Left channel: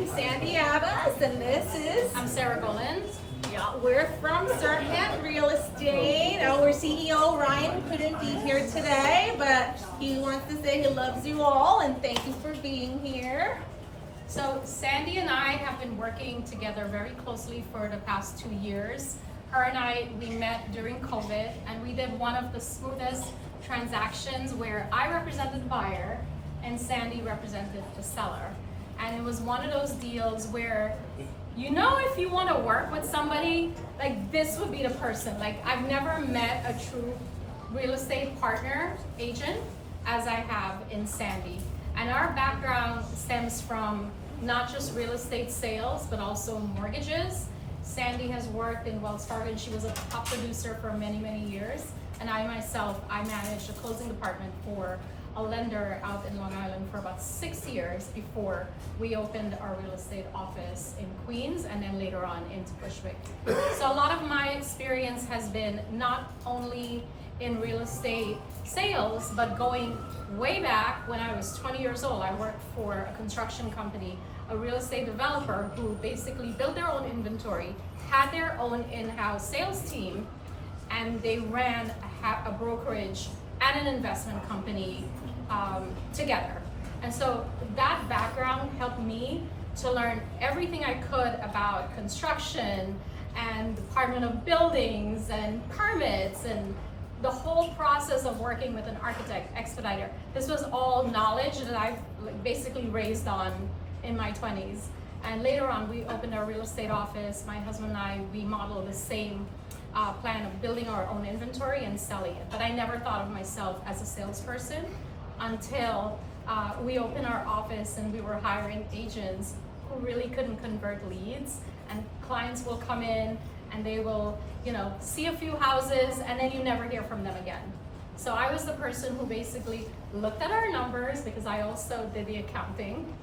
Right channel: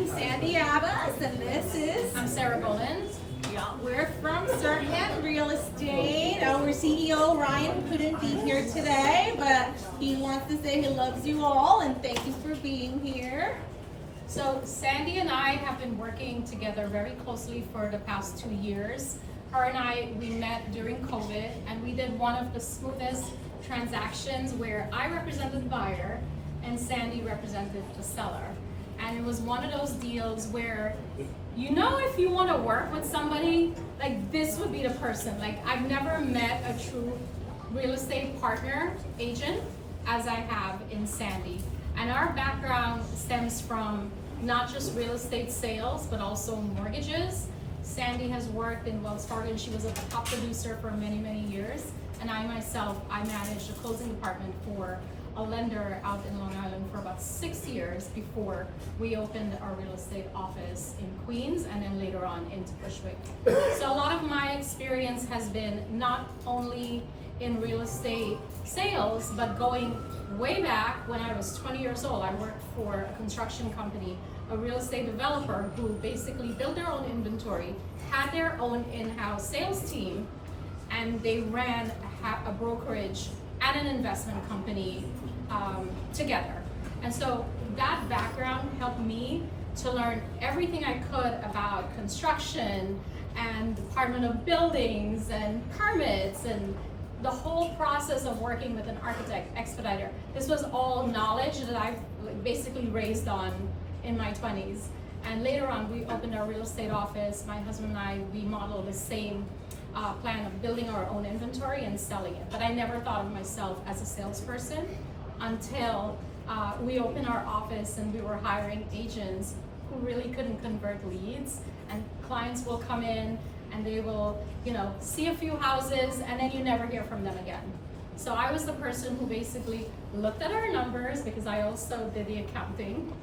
I'm Sandy Abbas, and this is... I'm Sarah Boland. Yeah, we're from Serhant Real Estate. Our CEO, Ryan, couldn't be here today, but he wants to say he loves you all, and thank you for being here. So Sandy and I have been working together very closely for the past 2 years. Her and I, we met during COVID, and we did one of the smoothest transactions where I represented the buyer and Sandy represented the seller. And it was one of those deals where, you know, if you want to work with somebody, like this would be the person. Like, I've never met a true real estate partner, agent, as I have in Sandy. And our background stems from not just real estate sales, but also mortgages. Sandy has worked in Wells Fargo, and she was a top producer for many, many years. And I myself, I managed the closing department for a lender out in Long Island for about 6 years before we opened our real estate office in Queens and then later on into Bushwick. So a lot of my experience has been not only in real estate sales, but going way back when I was 20 years old. I worked for a construction company, a real estate developer who basically built their own inventory, had their own in-house sales team, and they ran a brokerage and an investment company together. And so that background helped me to learn everything I could about construction and Department of Buildings and permits and the whole process of working with an architect, expediter. This was all knowledge that I've basically raised on in my 20s. And later on, we opened our real estate office. My husband and I, we modeled the same plan of building our own inventory and selling it. But I never thought of myself as a salesperson until we opened our office and we were hiring agents who really couldn't convert leads. And clients will come in and they will, you know, see a few houses and then you never hear from them again. So I was the person who basically looked at our numbers, because I also did the accounting,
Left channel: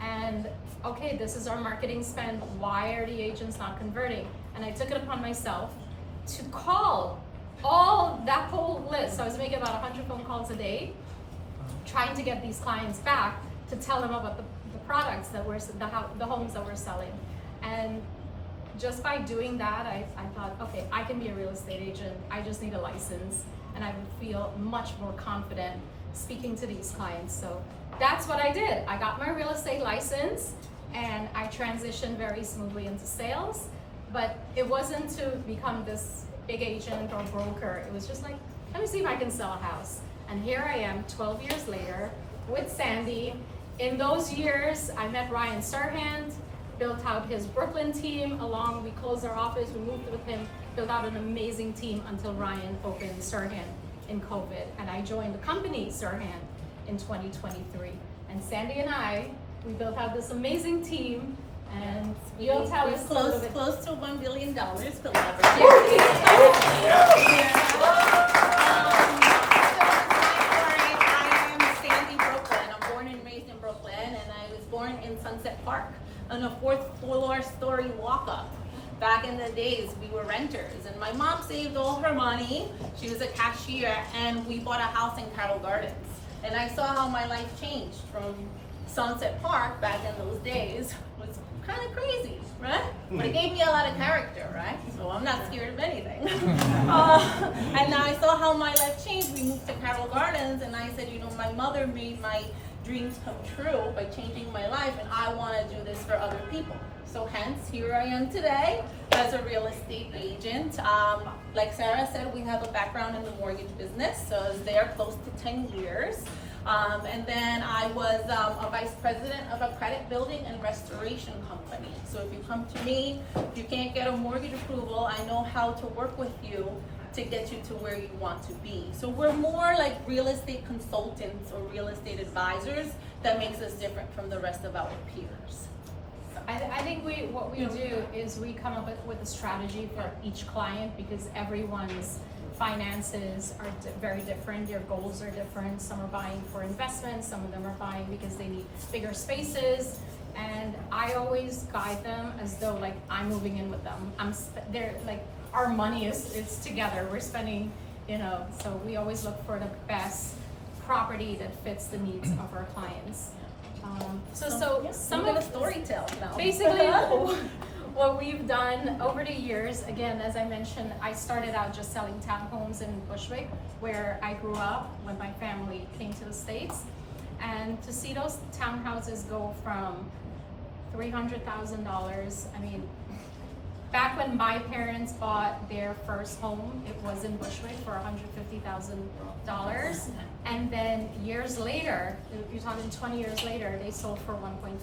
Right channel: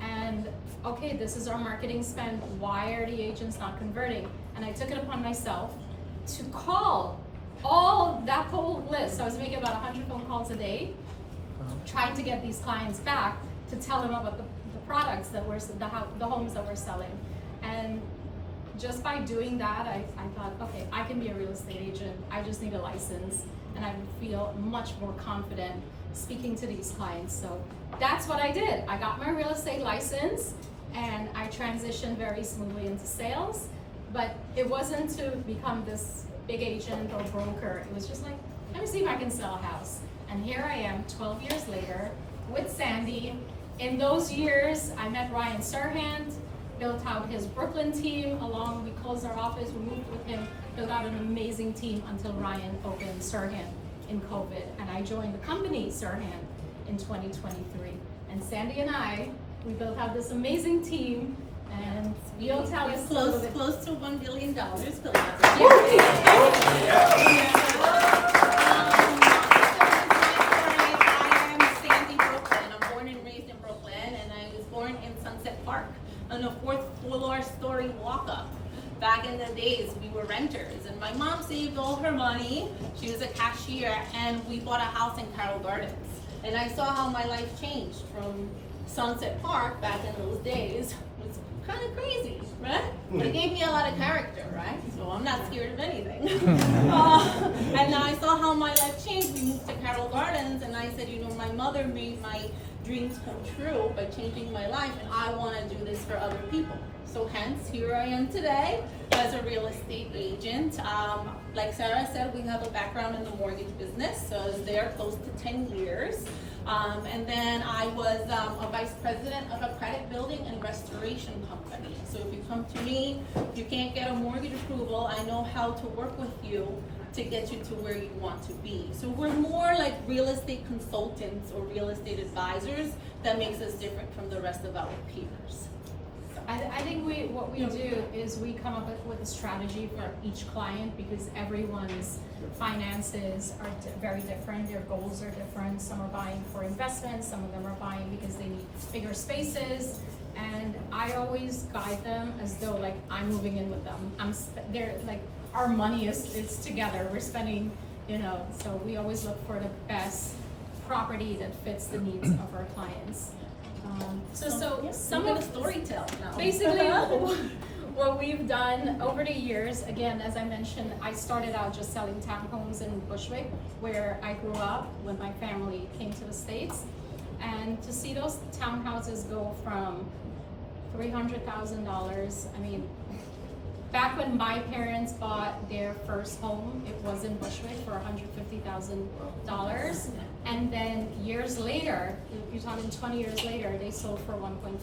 and okay, this is our marketing spend. Why are the agents not converting? And I took it upon myself to call that whole list. So I was making about 100 phone calls a day, trying to get these clients back to tell them about the products that were, the homes that we're selling. And just by doing that, I thought, okay, I can be a real estate agent. I just need a license, and I would feel much more confident speaking to these clients. So that's what I did. I got my real estate license, and I transitioned very smoothly into sales. But it wasn't to become this big agent or broker. It was just like, let me see if I can sell a house. And here I am 12 years later with Sandy. In those years, I met Ryan Serhant, built out his Brooklyn team we closed our office, we moved with him, built out an amazing team until Ryan opened Serhant in COVID. And I joined the company, Serhant, in 2023. And Sandy and I, we built out this amazing team, and you'll tell us close to $1 billion. I am Sandy Brooklyn. I'm born and raised in Brooklyn, and I was born in Sunset Park on a 4th floor story walk-up. Back in the days, we were renters, and my mom saved all her money. She was a cashier, and we bought a house in Carroll Gardens. And I saw how my life changed from Sunset Park back in those days. Was kind of crazy, right? But it gave me a lot of character, right? So I'm not scared of anything. And now I saw how my life changed. We moved to Carroll Gardens, and I said, you know, my mother made my dreams come true by changing my life, and I want to do this for other people. So hence, here I am today as a real estate agent. Like Sarah said, we have a background in the mortgage business, so I was there close to 10 years. And then I was a vice president of a credit building and restoration company. So if you come to me, if you can't get a mortgage approval, I know how to work with you to get you to where you want to be. So we're more like real estate consultants or real estate advisors. That makes us different from the rest of our peers. I think what we do is we come up with a strategy for each client, because everyone's finances are very different. Their goals are different. Some are buying for investment. Some of them are buying because they need bigger spaces. And I always guide them as though like I'm moving in with them. They're like, our money is together. We're spending, you know, so we always look for the best property that fits the needs of our clients. So some I'm gonna of story tell now. basically what we've done over the years, again, as I mentioned, I started out just selling townhomes in Bushwick, where I grew up when my family came to the States. And to see those townhouses go from $300,000, I mean, back when my parents bought their first home, it was in Bushwick for $150,000. And then years later, you're talking 20 years later, they sold for 1.5.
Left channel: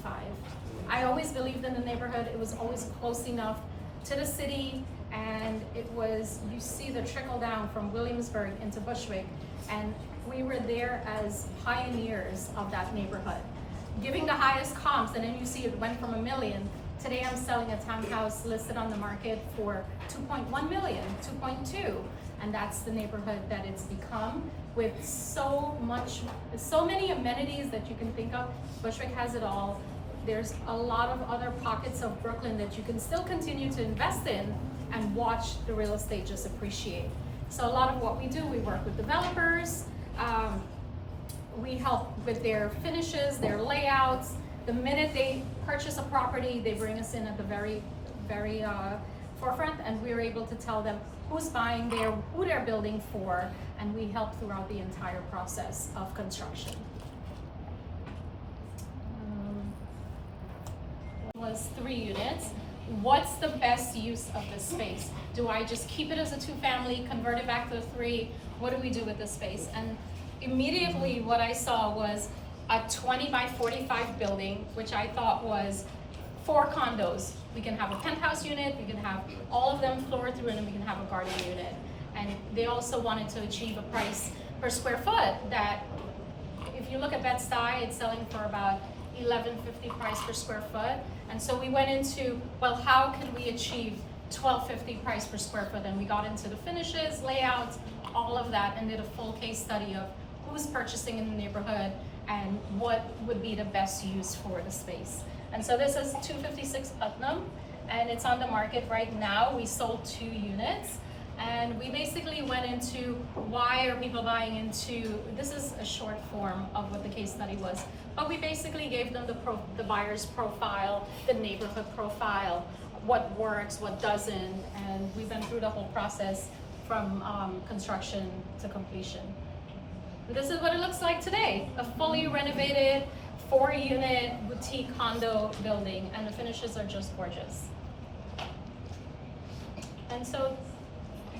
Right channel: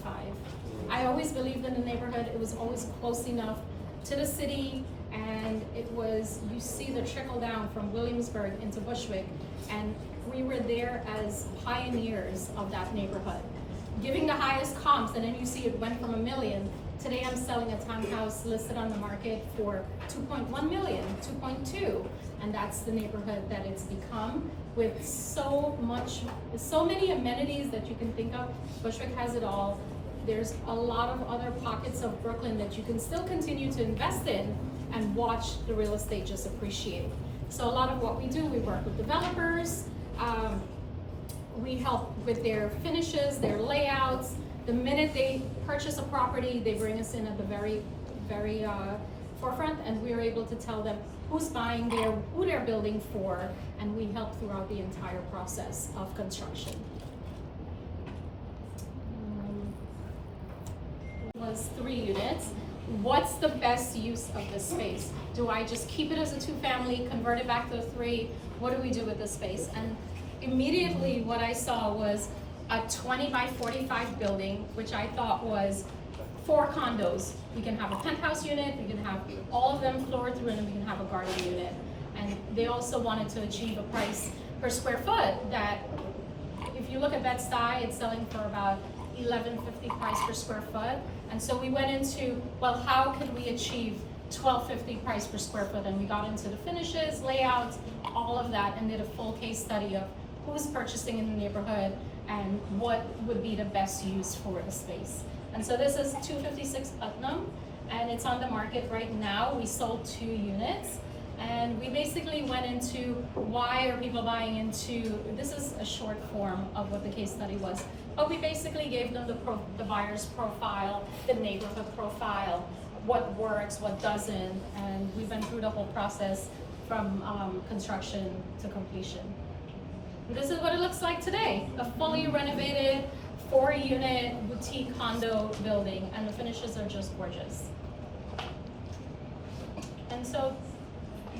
I always believed in the neighborhood. It was always close enough to the city, and it was, you see the trickle down from Williamsburg into Bushwick, and we were there as pioneers of that neighborhood, giving the highest comps, and then you see it went from $1 million. Today I'm selling a townhouse listed on the market for 2.1 million, 2.2, and that's the neighborhood that it's become, with so many amenities that you can think of. Bushwick has it all. There's a lot of other pockets of Brooklyn that you can still continue to invest in and watch the real estate just appreciate. So a lot of what we do, we work with developers, we help with their finishes, their layouts. The minute they purchase a property, they bring us in at the very forefront, and we're able to tell them who's buying there, who they're building for, and we help throughout the entire process of construction. Was 3 units. What's the best use of this space? Do I just keep it as a 2-family, convert it back to a 3? What do we do with this space? And immediately what I saw was a 20 by 45 building, which I thought was 4 condos. We can have a penthouse unit, we can have all of them floored through, and then we can have a garden unit. And they also wanted to achieve a price per square foot that, if you look at Bed-Stuy, it's selling for about $11.50 price per square foot. And so we went into, well, how could we achieve $12.50 price per square foot? And we got into the finishes, layouts, all of that, and did a full case study of who's purchasing in the neighborhood and what would be the best use for the space. And so this is 256 Putnam, and it's on the market right now. We sold 2 units. And we basically went into why are people buying into, this is a short form of what the case study was, but we basically gave them the buyer's profile, the neighborhood profile, what works, what doesn't, and we went through the whole process from construction to completion. And this is what it looks like today, a fully renovated 4-unit boutique condo building, and the finishes are just gorgeous. And so,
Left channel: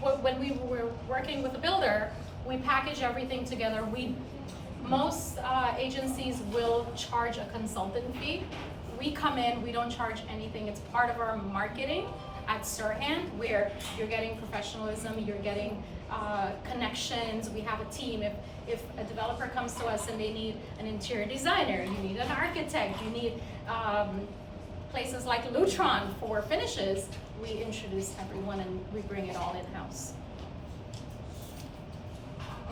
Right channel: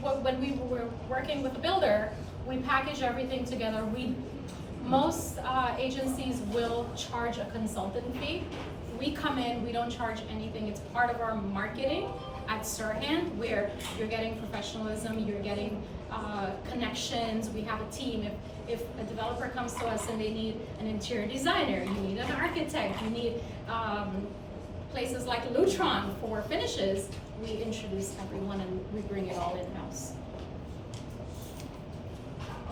when we were working with the builder, we package everything together. Most agencies will charge a consultant fee. We come in, we don't charge anything. It's part of our marketing at Serhant, where you're getting professionalism, you're getting connections. We have a team. If a developer comes to us and they need an interior designer, you need an architect, you need places like Lutron for finishes, we introduce everyone and we bring it all in-house.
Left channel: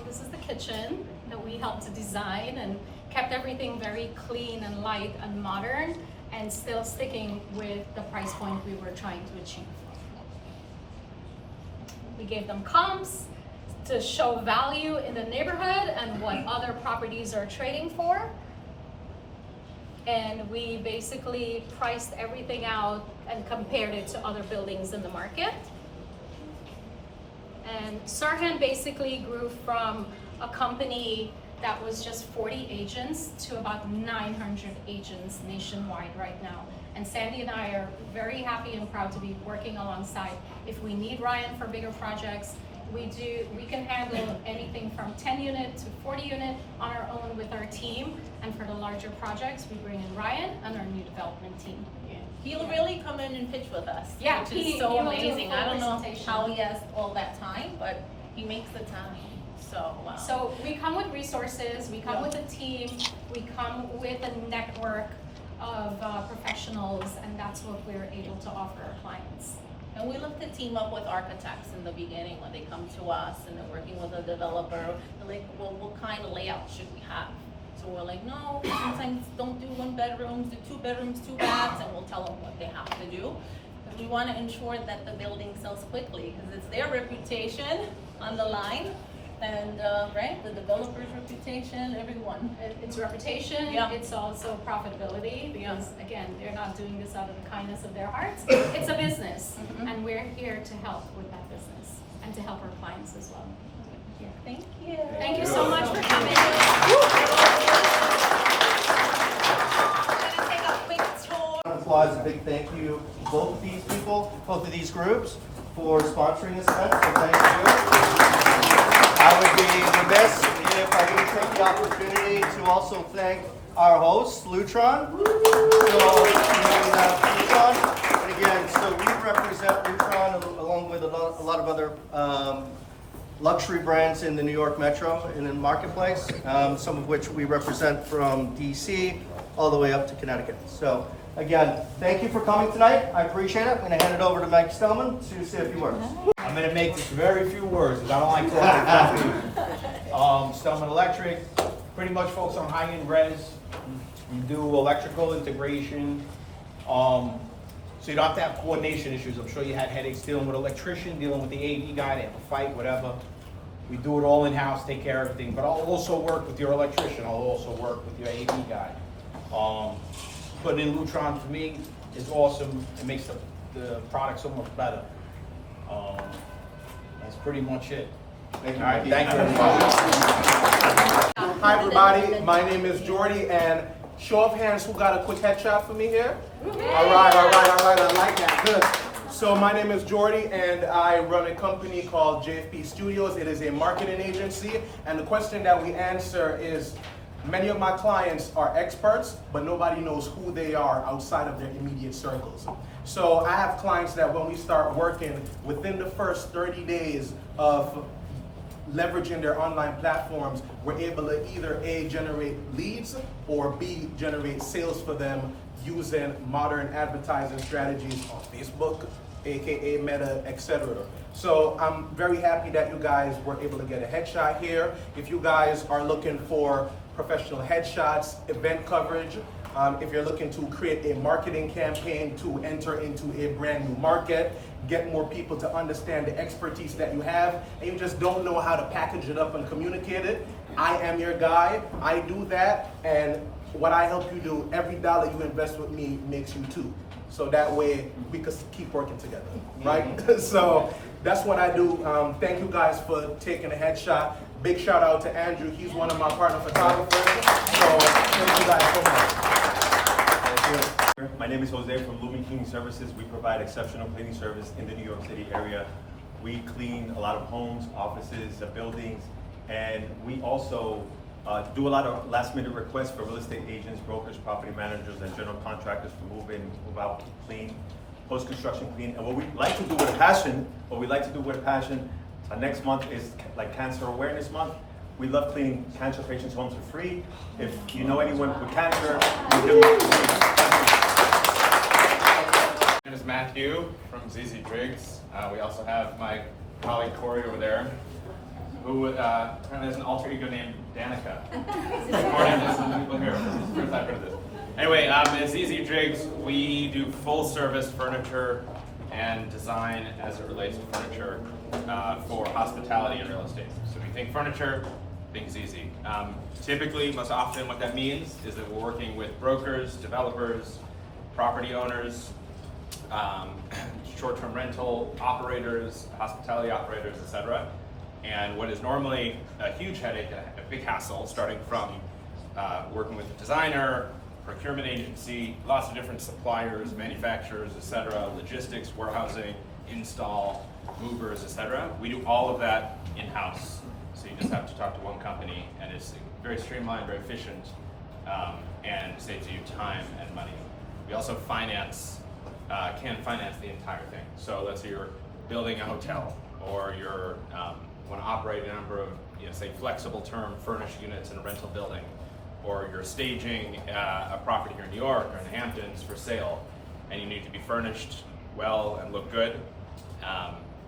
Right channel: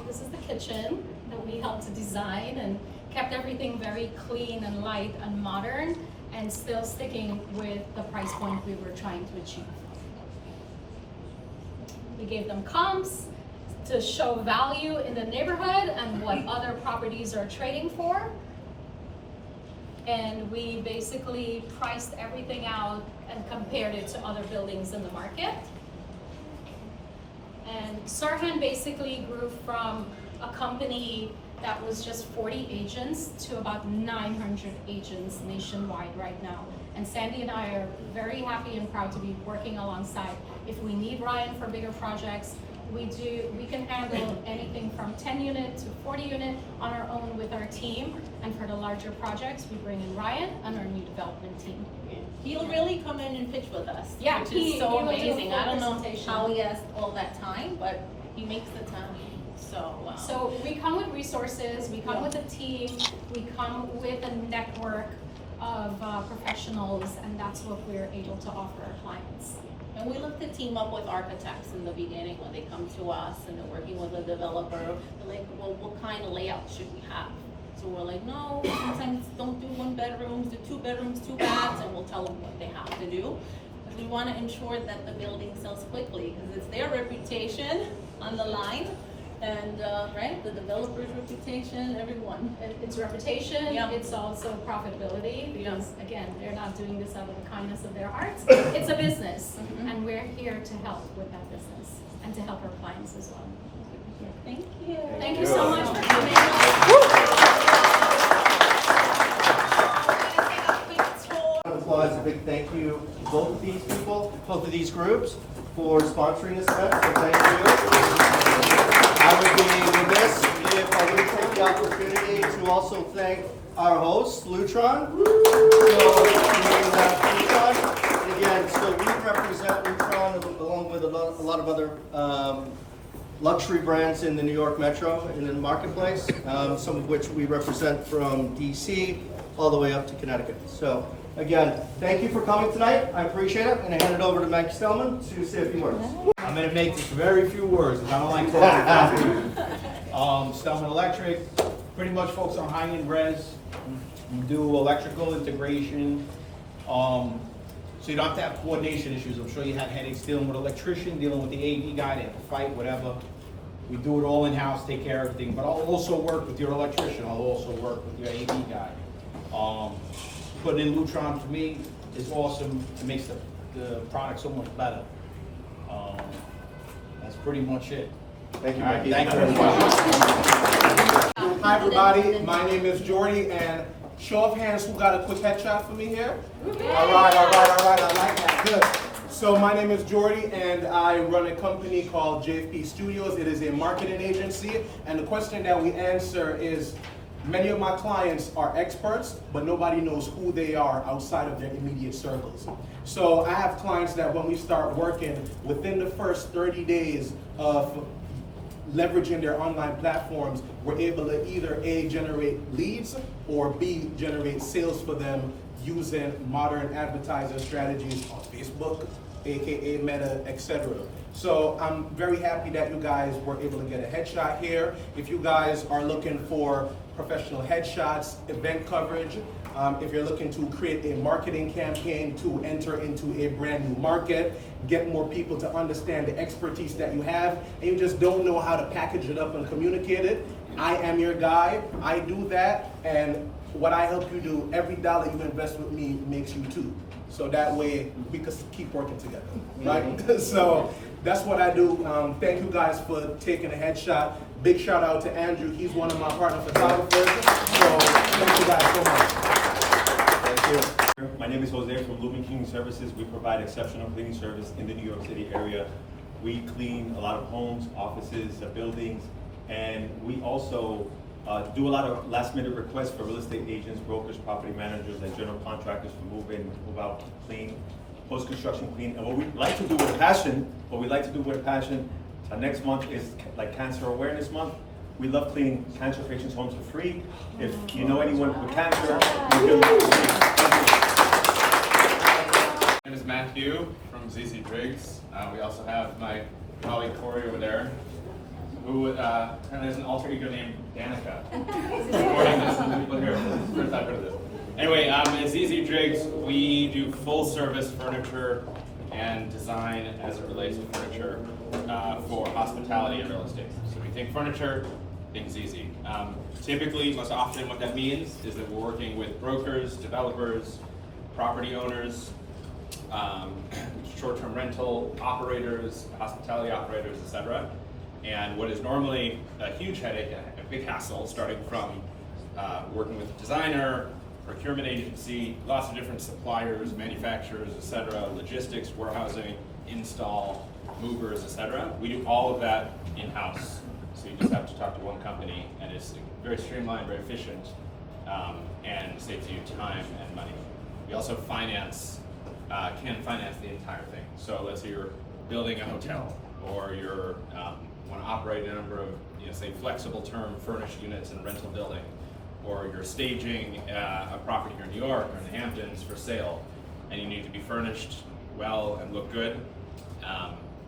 This is the kitchen that we helped to design and kept everything very clean and light and modern, and still sticking with the price point we were trying to achieve. We gave them comps to show value in the neighborhood and what other properties are trading for. And we basically priced everything out and compared it to other buildings in the market. And Serhant basically grew from a company that was just 40 agents to about 900 agents nationwide right now. And Sandy and I are very happy and proud to be working alongside. If we need Ryan for bigger projects, we can handle anything from 10 unit to 40 unit on our own with our team. And for the larger projects, we bring in Ryan and our new development team. He'll really come in and pitch with us. Yeah, which is so he will do a amazing. full I don't know presentation. how he has all that time, but he makes the time. So we come with resources, we come with a team, we come with a network of professionals, and that's what we're able to offer our clients. And we look to team up with architects in the beginning when they come to us and they're working with a developer. They're like, well, what kind of layout should we have? So we're like, no, sometimes don't do 1 bedrooms, do 2 bedrooms, 2 baths, and we'll tell them what they have to do. Because we want to ensure that the building sells quickly, because it's their reputation on the line. And, right, the developer's reputation, everyone. It's reputation, Yeah. it's also profitability, because again, they're not doing this out of the kindness of their hearts. It's a business, and we're here to help with that business and to help our clients as well. Thank you. Thank you so much for coming. We're gonna take a quick tour. Applause, a big thank you to both of these people, both of these groups, for sponsoring this event, so thank you. I would be remiss if I didn't take the opportunity to also thank our host, Lutron. And again, so we represent Lutron along with a lot of other luxury brands in the New York Metro and in the marketplace, some of which we represent from DC all the way up to Connecticut. So again, thank you for coming tonight. I appreciate it. I'm going to hand it over to Mike Stellman to say a few words. I'm going to make this very few words because I don't like talking coffee. Stellman Electric, pretty much focus on high-end res. You do electrical integration. So you don't have to have coordination issues. I'm sure you had headaches dealing with an electrician, dealing with the AV guy, they have to fight, whatever. We do it all in-house, take care of everything, but I'll also work with your electrician. I'll also work with your AV guy. Putting in Lutron for me is awesome. It makes the product so much better. That's pretty much it. Thank you, All right, Mike. thank you very much. Hi everybody, my name is Jordy, and show of hands who got a quick headshot for me here? All right, I like that, good. So my name is Jordy, and I run a company called JFP Studios. It is a marketing agency, and the question that we answer is, many of my clients are experts, but nobody knows who they are outside of their immediate circles. So I have clients that when we start working, within the first 30 days of leveraging their online platforms, we're able to either A, generate leads, or B, generate sales for them using modern advertising strategies on Facebook, aka Meta, etc. So I'm very happy that you guys were able to get a headshot here. If you guys are looking for professional headshots, event coverage, if you're looking to create a marketing campaign to enter into a brand new market, get more people to understand the expertise that you have, and you just don't know how to package it up and communicate it, I am your guy. I do that, and what I help you do, every dollar you invest with me makes you two. So that way we could keep working together, right? So that's what I do. Thank you guys for taking a headshot. Big shout out to Andrew. He's one of my partner photographers. So thank you guys so much. My name is Jose from Lumen Cleaning Services. We provide exceptional cleaning service in the New York City area. We clean a lot of homes, offices, buildings, and we also do a lot of last minute requests for real estate agents, brokers, property managers, and general contractors to move in, move out, clean, post-construction clean. And what we like to do with passion, next month is like Cancer Awareness Month. We love cleaning cancer patients' homes for free. If you know anyone with cancer, we do it for free. My name is Matthew from ZZ Driggs. We also have my colleague Corey over there, who apparently has an alter ego named Danica. According to some people here, this is the first I've heard of this. Anyway, at ZZ Driggs, we do full service furniture and design as it relates to furniture for hospitality and real estate. So we think furniture, think ZZ. Typically, most often what that means is that we're working with brokers, developers, property owners, short-term rental operators, hospitality operators, etc. And what is normally a huge headache, a big hassle, starting from working with a designer, procurement agency, lots of different suppliers, manufacturers, etc., logistics, warehousing, install, movers, etc. We do all of that in-house. So you just have to talk to one company, and it's very streamlined, very efficient, and saves you time and money. We also can finance the entire thing. So let's say you're building a hotel, or you're want to operate a number of, say, flexible term furnished units in a rental building, or you're staging a property here in New York or in the Hamptons for sale, and you need to be furnished well and look good.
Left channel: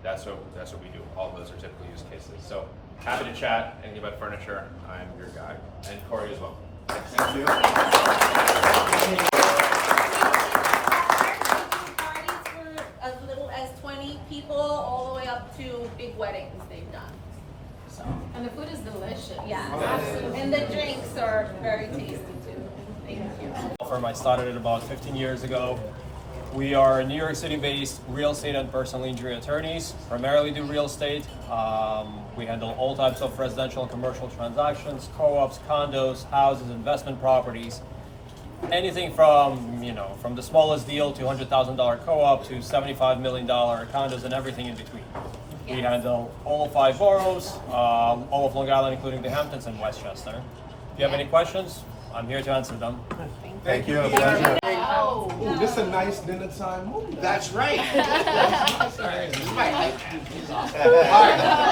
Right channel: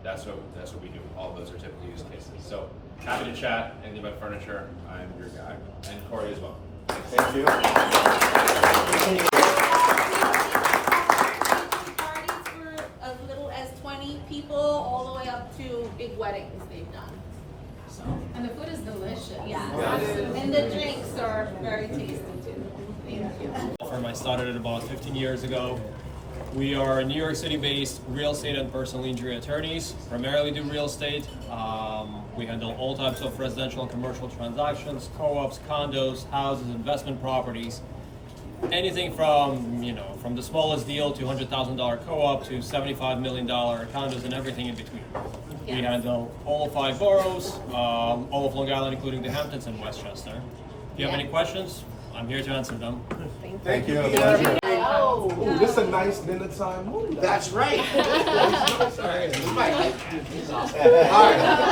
That's what we do. All of those are typical use cases. So happy to chat anything about furniture. I'm your guy, and Corey as well. Thank you. Parties for as little as 20 people, all the way up to big weddings they've done. So, And the I started it about 15 years ago. We are New York City-based real estate and personal injury attorneys, primarily do real estate. We handle all types of residential and commercial transactions, co-ops, condos, houses, investment properties. Anything from, from the smallest deal to $100,000 co-op to $75 million condos and everything in between. We handle all 5 boroughs, all of Long Island, including the Hamptons and Westchester. If you have any questions, I'm here to answer them. Thank you. Ooh, this is a nice dinner time movie. That's right. All right.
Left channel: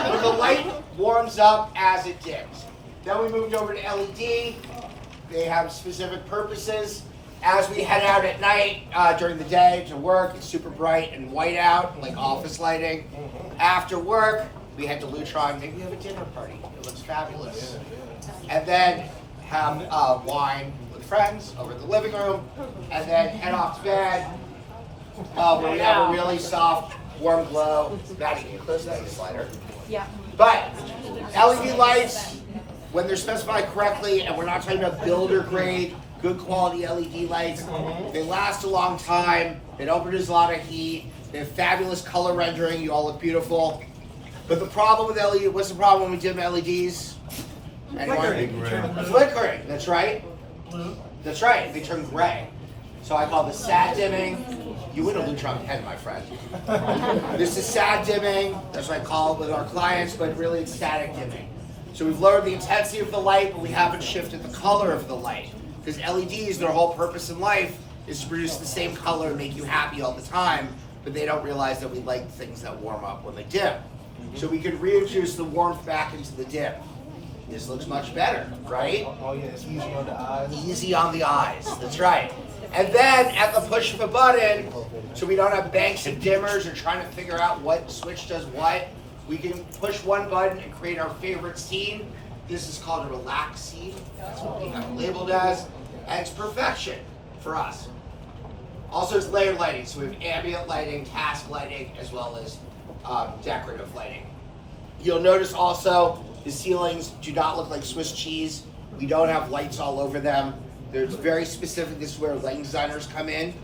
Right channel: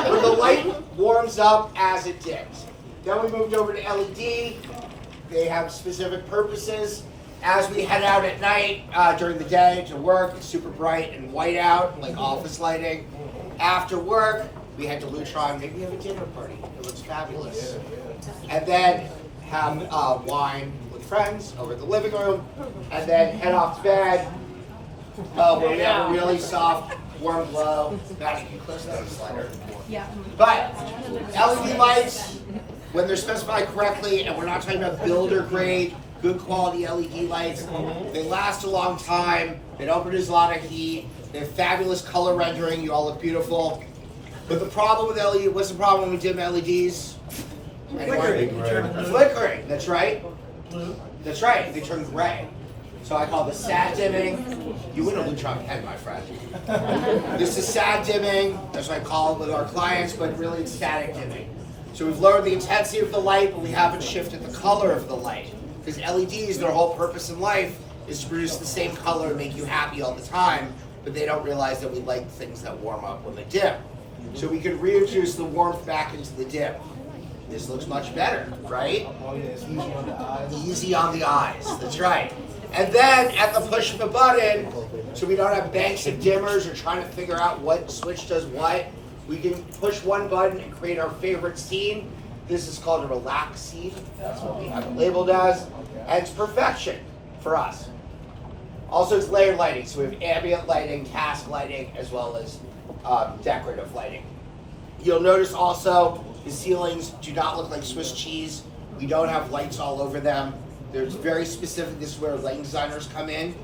When the light warms up as it dims. Then we moved over to LED. They have specific purposes. As we head out at night, during the day to work, it's super bright and white out, like office lighting. After work, we head to Lutron. Maybe have a dinner party. It looks fabulous. And then have wine with friends over in the living room, and then head off to bed, where we have a really soft, warm glow. Maddie, can you close that slider? Yeah. But LED lights, when they're specified correctly, and we're not talking about builder grade, good quality LED lights, they last a long time. They don't produce a lot of heat. They have fabulous color rendering. You all look beautiful. But the problem with LED, what's the problem when we dim LEDs? Flickering. That's right. That's right. They turn gray. So I call this sad dimming. You win a Lutron pen, my friend. This is sad dimming. That's what I call it with our clients, but really it's static dimming. So we've lowered the intensity of the light, but we haven't shifted the color of the light. Because LEDs, their whole purpose in life is to produce the same color and make you happy all the time, but they don't realize that we like things that warm up when they dim. So we can reintroduce the warmth back into the dim. This looks much better, right? Oh yeah, it's easy on the eyes. Easy on the eyes, that's right. And then at the push of a button, so we don't have banks of dimmers or trying to figure out what switch does what, we can push one button and create our favorite scene. This is called a relax scene. That's what we have it labeled as. And it's perfection for us. Also, it's layered lighting. So we have ambient lighting, cast lighting, as well as decorative lighting. You'll notice also the ceilings do not look like Swiss cheese. We don't have lights all over them. There's very specific, this is where lighting designers come in.